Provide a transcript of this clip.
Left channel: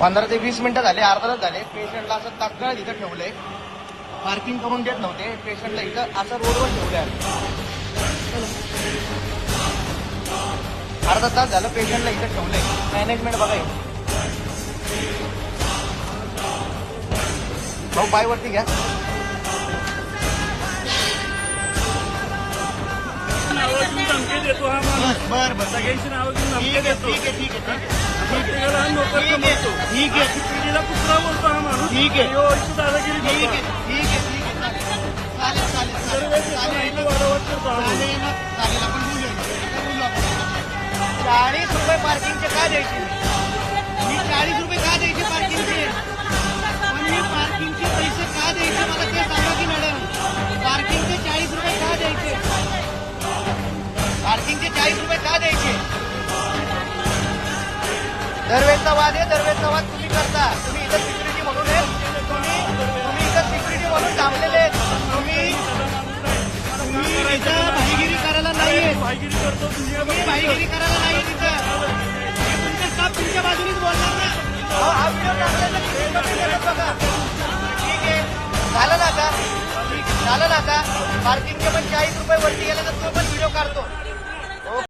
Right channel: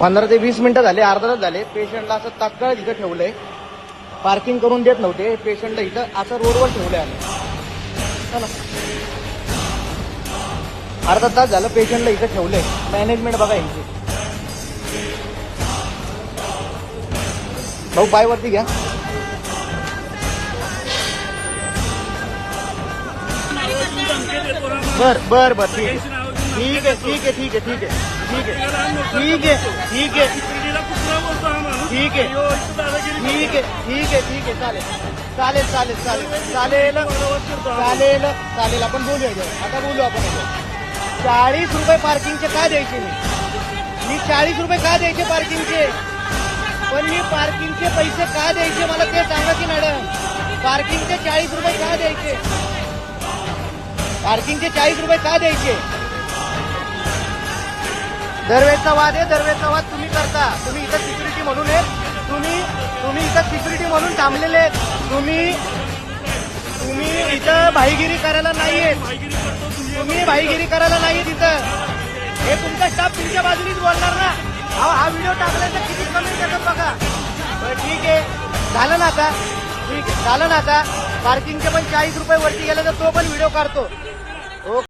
पंधरा ते वीस मिनिटं झाले अर्धा तास झाले. पेशंट असं तात्काळ इथं ठेवलंय. पार्किंग करून देत नव्हते. पेशंटला इथं असं रोडवर ठेवलंय. चला. अर्धा तास झालं पेशंटला इथं ठेवलं मॅनेजमेंट बघा यांची. काय वाटते घ्या. देतो हा माणूस बर बर बर. ठीक सगळ्यांची नावाची धमकी आहे देतो. ठीक आहे ठीक आहे ठीक आहे. प्रत्येकाला हा नोकर बोलतो ठीक आहे. पिढीला कुत्रा बोलतो हा माणूस ठीक आहे. यो इथं दादागिरी ठीक आहे करतो ठीक आहे ठीक आहे. चालेल चालेल चालेल चालेल वाढवत करतो हा. चालेल चालेल. आपण बोलूया आता बोलू आपण चाळीस रुपये पार्किंगचे का द्यायचे? मी चाळीस रुपये का द्यायचे पार्किंगचे पण मी पार्किंगचे पैसे का द्यायचे? मला ते सांगा की मॅडम. पार्किंगचे चाळीस रुपये का द्यायचे? चाळीस रुपये का द्यायचे दरवेळेचा वाद आहे दरवेळेचा वाद तुम्ही करता. तुम्ही तुम्ही इथं भाईगिरी करायला नाहीये तुम्ही भाईगिरी करायला नाही तिथं हे तुमचा स्टाफ तुमच्या बाजूनीच बोलणार ना. पार्किंगचं पण चाळीस रुपये वरती गेलं तर तो पण विरोध करतो